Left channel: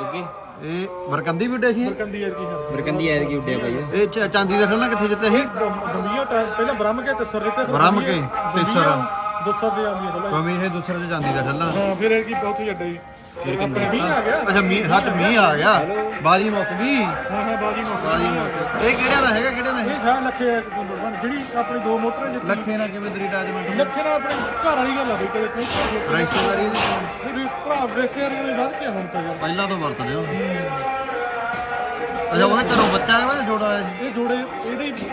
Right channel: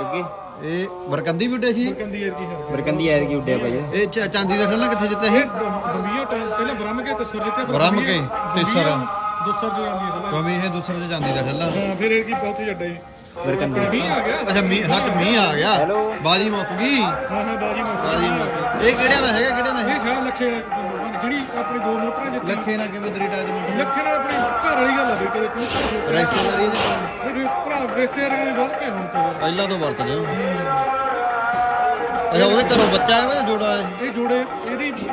ਇਹ ਬਰਕੰਦੀ ਵੀ ਉੱਡੇ ਸੀ? ਇਹ? ਕੰਦੀ ਯਾਰ ਕੀ ਹੈ। ਬਰਕੰਦੀ ਐਰ ਕੀ ਉੱਡਿਆ ਬਾਈ ਇਹ ਚ- ਚਾਂਦੀ ਦਾ ਠੱਲਾ ਕਿੱਥੇ ਜਿੱਤੇ ਇਹ ਗੰਭੀਰ ਟਾਈਮ ਪਹਿਲਾਂ ਬ੍ਰਹਮ ਕੇ ਤਸਰ ਦਿੱਤੇ ਬ੍ਰਹਮ ਕੇ, ਤੀਸਰਾ। ਦੁਸਰ ਦੇ ਆਉਂਦੀ ਹੈ ਕਮੀ ਇਹ ਦੂਸਰੇ ਚ ਚਾਂਦੀ ਦਾ ਠੱਲਾ ਹਾਂ ਫਿਰ ਇਹ ਕੀ ਬਹੁਤ ਜੱਡਾ ਜੀ। ਬਰਕੰਦੀ ਆ ਗਿਆ? ਅੱਛਾ ਮੀਂਹ ਹੱਥ ਮੀਂਹ ਆ ਗਿਆ। ਬਾਜੀ ਮੁੱਕ ਗਈ? ਹਾਂ ਹਾਂ ਬਾਜੀ ਨੂੰ ਬਾਜੀ ਮੁੱਕ ਗਈ। ਇਹ ਕਿਹੜੇ ਦਾ ਹੈਗਾ ਕਿਹੜੇ ਦਾ ਇਹ ਲੱਖੇ ਆ, ਜਿਹੜੀ ਆਪਣੀ ਦੋ ਮੋਟਰਾਂ ਦੇ ਲੱਖੇ ਨਾਲ ਕਿਵੇਂ ਤੇਰੀ ਟਾਂਜ ਮੰਗੀ ਲੱਖੇ ਨਾਲ ਆਪਣੀ ਘਰ ਵਾਲੀ ਗੱਲ ਆ ਕੋਈ ਕੋਈ ਰਿਸ਼ਤੇਦਾਰੀ ਇਹਦੇ ਕੋਲ ਜਿਹੜੀ ਭਰਾ ਵੇਖਦੇ ਨੂੰ ਵੱਧ ਕੇ ਹੁਣ ਤੇ। ਪਹਿਲਾਂ ਤੋਂ ਵਰਤ ਗਿਆ ਅੱਛਾ ਉਹਦੇ ਘਰੋਂ ਬੱਚਾ ਆਇਆ ਵਾ ਜੋੜਾ? ਇਹ ਜੋੜੇ ਇਹਦੀ ਇਹਦੀ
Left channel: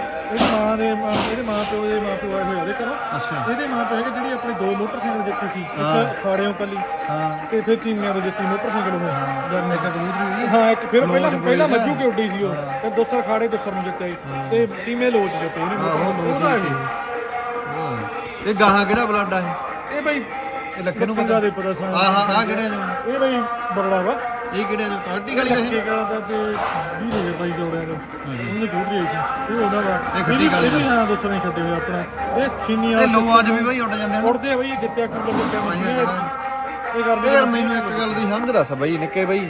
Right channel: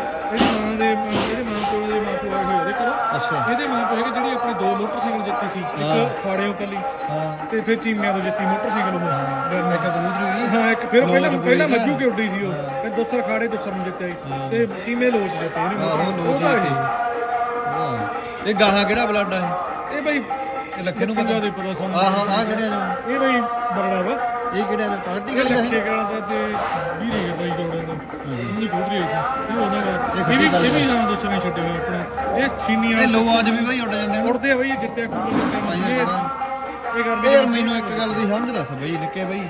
ਮਾਂ ਦੇ ਇਹਦੇ ਮਾਂ ਤੋਂ ਇਹ ਮਾਂ ਤੋਂ ਆਏ ਹੋਏ ਅੱਛਾ। ਇਹਦੇ ਮਾਂ ਤੋਂ ਹੈਗੇ ਜਿਹੜੀ ਆਪਣੀ ਦੋ ਮੋਟਰਸਾਈਕਲ ਜਿੱਤੀ ਸੀ ਇੱਕ ਖਾੜੇ ਉੱਪਰਲੀ ਹਾਂ। ਤੇ ਫਿਰ ਚੀਮਿਆਂ ਦੇ ਜਿੱਤੀ ਮੋਟਰਸਾਈਕਲ ਉਹ। ਹਾਂ ਇੱਕ ਕਬੂਤਰੀ ਹਾਂ ਇੱਕ ਫਿਰ ਪਹਿਲਾਂ ਪਹਿਲਾਂ ਮੱਜੂ ਕੇ ਉੱਡੀ ਸੀ ਉਹ? ਤੇ ਦੋਸਰ ਖਾੜੇ ਦੋਸਰ ਨੂੰ ਜਿੱਤੇ ਤੇ ਟੀਮੇ ਲੋਟ ਜਿੱਤੇ ਉਹਨੇ ਇਹ ਗਾਹਾਂ ਕਿਹੜਾ ਬਲੱਡ ਹੈ ਇਹ? ਬਈ ਇਹ ਲੱਖੇ ਨੂੰ ਪਤਾ ਦੇ ਪਤਾ? ਸਾਨੂੰ। ਆਹ ਕਿਹੜਾ ਇਹ ਬਈ ਬਰੜਾ ਵਾ ਇਹ ਕਿਹੜਾ ਜੋ ਕੱਟੀ ਗਲੀ ਦਾ ਇਹ? ਕਿ ਕਹਿੰਦਾ ਤੇ ਵੀ ਨੇ ਬਈ ਜੋੜਿਆ ਨੇ ਉਹਨੂੰ ਦੂਰ ਰਹੀ ਸੀ। ਇਹ ਉਹਨਾਂ ਦਾ ਇਹ ਖੱਟੀ ਗੱਲ ਇਹ ਵੀ ਹਾਂ ਦੋਸਰ ਛੱਡੇ ਹੋਏ ਆਪਣੇ। ਇਹ ਸੀਨੀਅਰ ਇਹ ਲੋਆਂ 'ਚ ਵੀ ਬਈ ਉੱਡ ਜਾਂਦੇ ਨੇ। ਉੜਦੇ ਆ ਬਈ ਜਿੱਤਿਆ ਕੰਮ ਪਹਿਲਾਂ ਇਹ ਕਿਹੜਾ ਇਹ ਕਰਦੇ ਯਾਰ ਮੈਨੂੰ ਇੱਕ ਗੱਲ ਦੀ ਸਮਝ ਦੱਸ ਬਈ ਨਿੱਕੇ ਬਈ।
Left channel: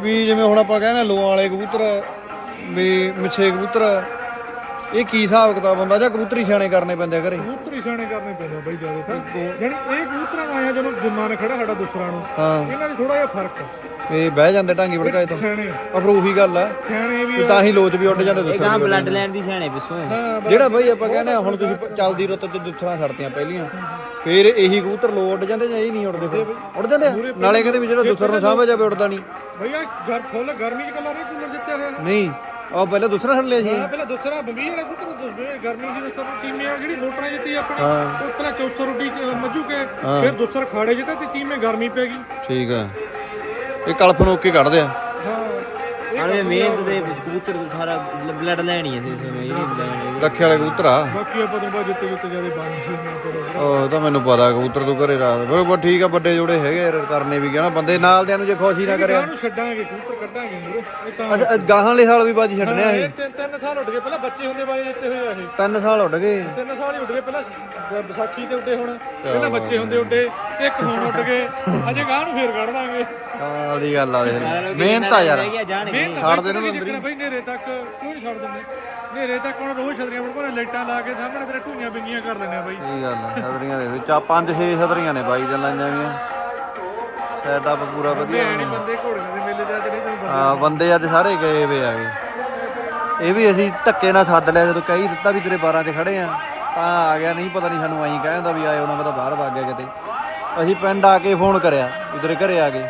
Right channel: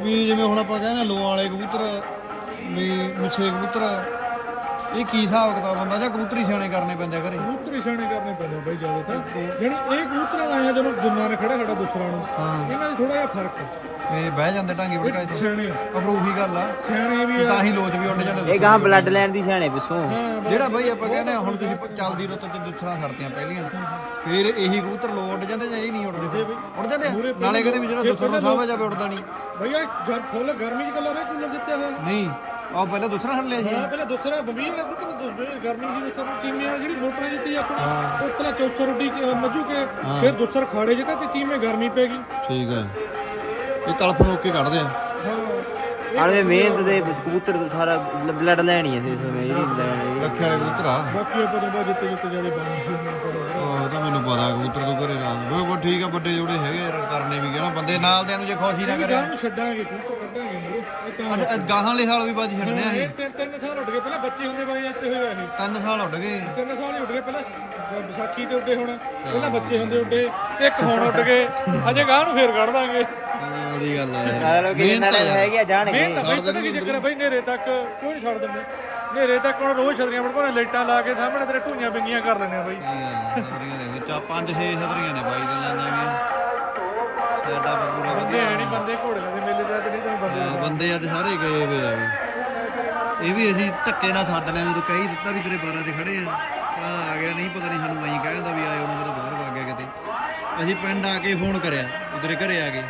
ਵੀ ਜਿਵੇਂ ਹੁਣ ਆਪਾਂ ਕਹਿੰਦੇ ਲੋਆਂ ਵਾਲੇ ਕਬੂਤਰ ਵੀ ਮਿੱਛੇ ਕਬੂਤਰ ਇਹ ਕੀ ਹਿਸਾਬ ਕਿਤਾਬ ਹੁੰਦਾ? ਜਾਂ ਕਬੂਤਰੀ ਛਾਣੇ ਕਰਨੇ ਪੈਂਦੇ ਆ ਘਰੇ? ਕਬੂਤਰ ਇਸ਼ਾਨੇ ਕਰਨੇ ਪੈਂਦੇ ਆ ਬਈ ਜ਼ਿਆਦਾ ਤਾਂ ਯਾਨੀ ਇਹ ਕਬੂਤਰ ਆਇਆ ਜਦੋਂ ਜੰਮਾ ਨੇ ਖੜਾ ਸਾਡਾ ਦੂਸਰਾ ਨੂੰ। ਹਾਂ। ਇਹਨਾਂ 'ਚ ਥੋੜਾ ਜਿਹਾ ਫ਼ਰਕ ਆ। ਇਹ ਬਹਿ ਜਾਂਦੇ ਢਾਂਗੀ ਵੜਕਾਏ ਤੋਂ ਸਿਆਣੇ ਆ। ਪਰ ਉਹੀ ਗੱਲ ਆ। ਸਿਆਣੇ ਵੀ ਆ ਤਾਂ ਹੀ ਲੋਚ ਵੀ ਉੱਡ ਜਾਂਦੇ ਇਹ ਗਾਂ ਬਲੱਡ ਲੈਣ ਦੀ ਛਾਣੇ ਪਿੱਛੋਂ। ਹਾਂ ਜਿਹੜਾ ਬਈ ਆਪਾਂ ਕਹਿੰਦੇ ਆ ਹੁਣ ਤੁਸੀਂ ਚੱਲਦੀ ਰੁੱਤ ਚ ਦੁੱਥਰਾਂ ਛੱਡਤੀਆਂ ਪਹਿਲੀਆਂ ਫੇਰ ਇਹੀ ਕਬੂਤਰ ਲੋ ਉੱਡ ਜਾਂਦੇ ਜਾਂ ਇਹ ਨਹੀਂ ਉੱਡਦੇ? ਉੱਡ ਜਾਂਦੇ ਆ? ਨਾਲੇ ਕਹਿੰਦੇ ਵੀ ਜਿਹੜਾ ਦੁੱਥਰ ਨੂੰ ਸਾਂਭੇ ਜਾਵੇ ਉੱਡਦਾ ਨਹੀਂ। ਭਈਆ ਘਰ ਫੁੱਲ ਗਰਮੀ 'ਚ ਕੱਲਾ ਰੇ ਕੂਲਰ ਜਿੱਤੇ ਹੋਏ ਨਹੀਂ। ਉਹ ਪਹਿਲਾਂ ਦੁੱਥਰਾ ਛੱਡ ਲਿਆ ਸੀ ਹਾਂ ਪਹਿਲਾਂ ਦੂਸਰਾ ਬੰਬੀ ਵਾਲੇ ਕਬੂਤਰ ਗਰਮੀ ਦੀ ਵਿੱਚ ਚੀਮੇ ਆ ਜਿਹੜੀ ਮੋਟਰਾਂ ਜਿੱਤੀ ਆਪਣੀ ਹਾਂ। ਉਹ ਪਹਿਲਾਂ 400 ਰੋਟੀ ਮੱਜੂ ਕੇ ਫਿਰ ਦੂਸਰਾ ਖਾੜੇ ਜਿੱਤੇ ਤੇ ਚੀਮੇ ਗਰਮੀ ਪੈ ਗਈ। ਠੀਕ ਆ। ਇਹ ਕਲਪ ਨੂੰ ਓਕੇ ਕੱਢਦੇ ਆ। ਆਲੇ ਮਿਹਨਤ ਦੇ ਕਬੂਤਰ ਤੋਂ ਸਾਰਾ ਬਲੱਡ ਲੈਣੀ ਹੈ ਸੋਨੇ ਜਿਹੜੀ ਲੈਣੀ ਰੱਖੇ ਵਾਲੇ ਕਬੂਤਰ ਆ। ਬਾਕੀ ਆਪਾਂ ਤਾਂ ਬਾਅਦ ਜਿੱਤੇ ਜਿੱਤੇ ਜ਼ਿਆਦਾ ਬਣ ਗਏ ਉਹ ਤਾਂ ਮੈਨੂੰ ਪਤਾ ਕਬੂਤਰ ਤੋਂ ਘਰੇ ਰਾਤ ਬਿਲਕੁਲ ਠੀਕ ਆ ਵੱਡੇ ਜੋੜੇ ਹੈਗੇ ਕਰਨੇ ਵੀ ਕਹਿਣਾ। ਬੰਦੇ ਨਾਲ ਦੇ ਨੂੰ ਜੇ ਖੁਸ਼ੀ ਨਾ ਕਰੇ ਗਾਂ ਨੂੰ ਛੱਡਾਂਗੇ ਕਬੂਤਰ ਕੱਢਾਂਗੇ ਮੂਰੇ ਇਹ ਤਾਂ ਅੱਛਾ ਗਾਹਾਂ ਵਾਲੇ ਹਾਲ ਵੀ ਬਾਜੀ ਛੱਡਨੇ ਆ ਇਹ ਇਹ ਤਿੰਨ ਤਿੰਨ ਸਾਲ ਉੱਡ ਗਏ ਪਹਿਲਾਂ ਬੱਚੇ ਹੁੰਦੇ ਬਾਈ ਇੱਥੇ ਹੋਇਆ ਇਹ ਤਿੰਨ ਸਾਲ ਉੱਡ ਗਏ। ਤਿੰਨ ਸਾਲ ਹੀ ਉੱਡ ਗਏ ਪਹਿਲਾਂ ਬ- ਵਿਸਾਖੀ ਤੇ ਉੱਡੇ ਹੁਣ ਪਹਿਲਾਂ ਬੱਚੇ ਹੁੰਦੇ ਉੱਡੇ ਤੇ ਇੱਕ ਹੁਣ ਉੱਡ ਗਏ ਅਜੇ ਗਾਂ ਨੂੰ ਫੇਰ ਕੱਢ ਦਾਂਗੇ। ਕਮਾਲ ਦੀ ਗੱਲ ਆ ਵੇਖ ਮਿਹਨਤ ਆ ਯਾਰ। ਗਿਆ ਜਾਣਗੇ। ਮਿਹਨਤ ਆ ਬਾਈ ਪਤਾ ਕੀ ਚੱਕਰ ਆ ਬਾਈ ਨੇਰੇ ਤੱਕ ਕਿਉਂ ਨਹੀਂ ਛੱਡ ਦਿੰਦੇ? ਨੇਰੇ ਤੱਕ ਹੁਣ ਰੋਜ਼ ਛਤਰੀਆਂ ਬੜਕੋਨੇ ਲਾਈਟਾਂ ਲਾ ਕੇ ਸਾਹਮਣੇ ਤੇਰੇ ਢੂਈਆਂ ਬਿੰਗੀਆਂ ਕਰ ਲੈਣੇ ਬਾਈ। ਇਹ ਗੱਲ ਆ, ਸਦਰੀਆਂ ਦੇ ਵਿੱਚ ਆ ਪੰਜ ਛੇ ਸਦਰੀਆਂ ਨੇ ਬਾਈ ਗੱਲਾਂ ਜਾਂਗੀਆਂ ਸੈਟਅਪ ਪੂਰਾ ਵਧੀਆ। ਨਹੀਂ ਬੰਦੇ ਘੋੜਿਆਂ ਦੇ ਮੇਲੇ ਜਾ ਕੇ ਨਹੀਂ ਤੁਹਾਨੂੰ ਹਾਂ ਬੰਦੇ ਅੱਜ ਸਾਰੇ ਗਏ ਵੇ ਆਗੇ ਇਹ ਵੀ ਅਸੀਂ ਧੱਕੇ ਨਾਲ ਸੱਦ ਲਿਆ, ਜਦੋਂ ਕਹੀ ਦਿੱਤਾ ਵੀ ਤੇਰੇ 12 'ਚ ਖੜੇ ਆ। ਤਾਂ ਆ ਗਿਆ, ਨਹੀਂ ਪਤਾ ਨਹੀਂ ਸਾਨੂੰ ਆਈ ਕਹਿੰਦਾ ਵੀ ਆਏ ਹੋਣਾ, ਮੈਂ ਤਾਂ ਬਾਹਰ ਵਗ ਗਿਆ ਕਿਤੇ। ਅਸੀਂ ਪਿੰਡ ਆ ਕੇ ਫੋਨ ਕਰਿਆ, ਵੀ ਤੇਰੇ ਘਰੇ ਆ ਗਏ।